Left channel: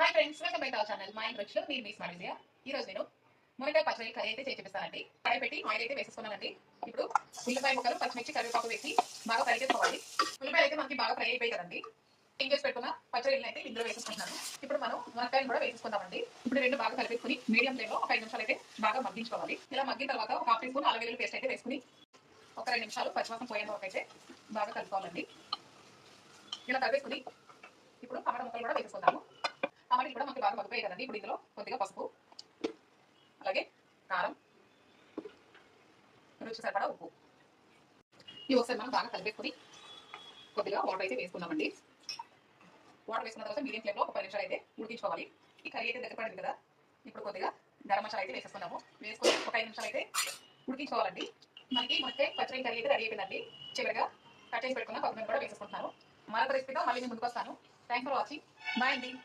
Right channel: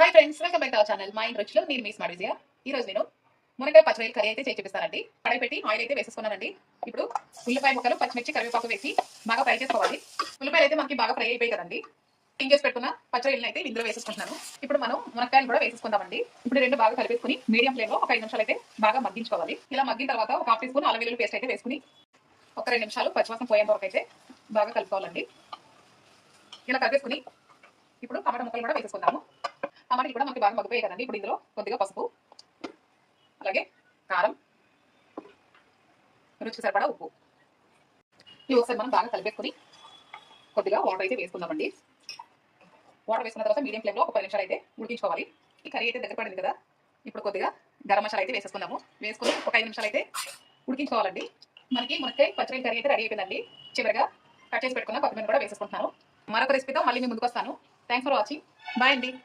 Hi friends, welcome back to our channel మా ఇంటి రుచిలో నేను మీ స్మార్ట్ విజయ. ఈ రోజు నేను మునక్కాయ పచ్చిమిరపకాయ కర్రీ అయితే చేసి చూపిస్తానండి. కడాయి పెట్టి ఆయిల్ అయితే వేసేసుకున్నానండి. ఇప్పుడు ఉల్లిపాయ ముక్కలు, పచ్చిమిర్చి, కరివేపాకు వేసి బాగా ఫ్రై చేసుకోవాలి. ఉల్లిపాయలు అయితే మనకి బాగా ఫ్రై అయిపోయి కదండి. క్లీన్ చేసి పెట్టుకున్న పచ్చడిని అయితే ఇందులో వేసేసుకుంటున్నాను. ఇప్పుడు మనం మునక్కాయలు కూడా వేసేసుకుందామండి. ఇప్పుడు రెండు బాగా కలిపేసుకుని మీడియం ఫ్లేమ్ లో ఒక 5 నిమిషాలు అయితే బాగా మగ్గించుకోవాలి. ఇలా మగ్గిన తర్వాత ఒక హాఫ్ టీ స్పూన్ అల్లం వెల్లుల్లి పేస్ట్ అయితే వేసుకుని ఒక 2 నిమిషాలు పచ్చివాసన పోయేంత వరకు అయితే బాగా కలుపుకోవాలండి. ఇలా కలిపేసుకుని ఇప్పుడు టమాటా ముక్కలు కూడా వేసేసుకుందాము. టమాటాలు కూడా మనకి బాగా మగ్గిపోయాయి కదండి. ఇప్పుడు ఇందులో కొద్దిగా పసుపు, అలాగే కారం, రుచికి సరిపడా ఉప్పు ఇవి ఒకసారి మనం బాగా కలిపేసుకుని కొద్దిగా వాటర్ అయితే వేసుకుందామండి. వాటర్ వేసుకున్న తర్వాత మీడియం ఫ్లేమ్లో ఒక 10 నిమిషాలు అయితే ఉడికించుకోవాలి. ఈ కర్రీ అయితే దగ్గర పడింది కదా. ఇప్పుడు కొద్దిగా గరం మసాలా అయితే వేసేసుకుందాము. వేసుకుని ఒక 5 నిమిషాలు అయితే ఉడికించుకోవాలండి. మనకి మునక్కాయ పచ్చడి కర్రీ అయితే రెడీ అయిపోయిందండి. చివరిగా కట్ చేసి పెట్టుకున్న కొత్తిమీర కూడా వేసేసుకుంటున్నాను. మరొక రెసిపీతో మళ్ళీ మీ ముందుకు వస్తాను. Thanks for watching. బాయ్ అండి.